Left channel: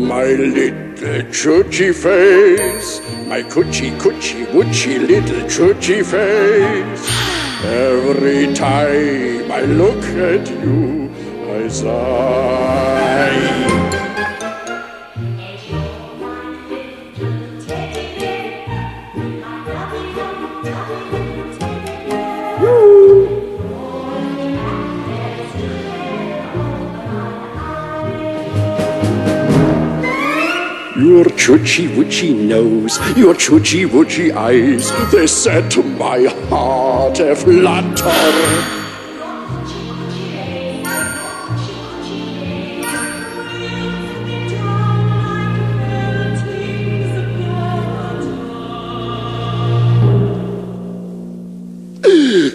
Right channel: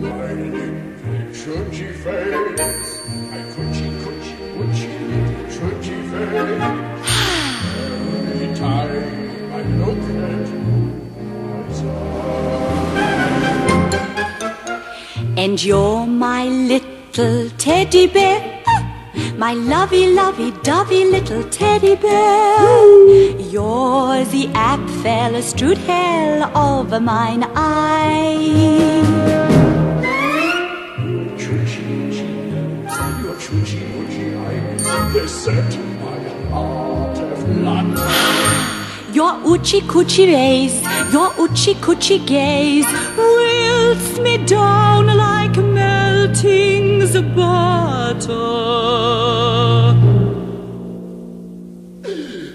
my little churchy face, my coochie, woochie little churchy face. Every time I look at you, I sigh. And you're my little teddy bear, my lovey, dovey little teddy bear. You're the Apfelstrudel over mine eye. Your choochie woochie nose, your choochie woochie eyes, they set my heart a-flutter. Your oochie coochie ways, your oochie coochie gaze wilts me down like meltings of butter.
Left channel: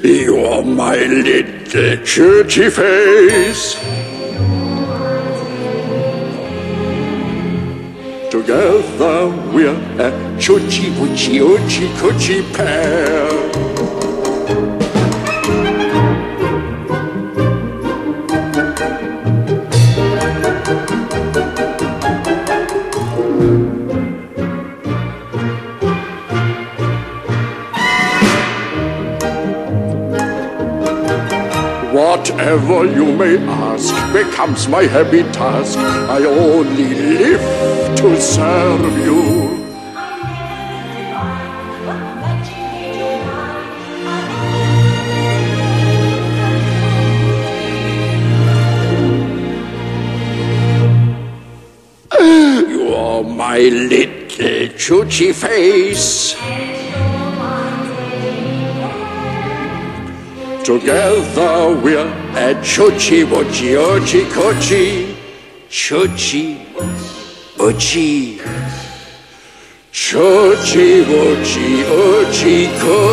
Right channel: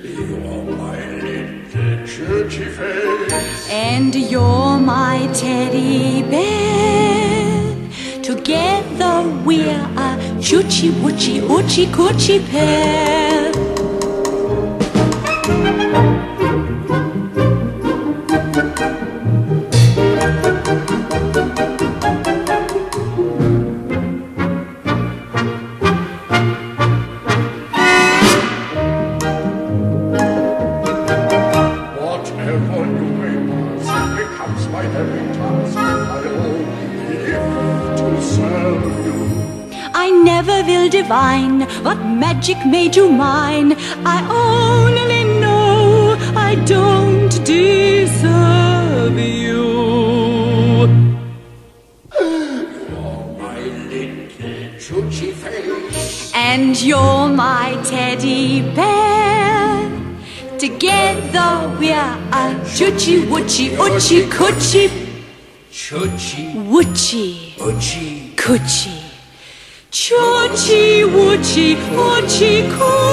You're my little churchy face, and you're my teddy bear. Together we're a choochie woochie oochie coochie pair. Whatever you may ask becomes my happy task. I only live to serve you. I never will divine what magic made you mine. I only know I don't deserve you. You're my little choochie face, and you're my teddy bear. Together we're a choochie woochie oochie coochie. Choochie woochie oochie coochie. Choochie woochie oochie coochie.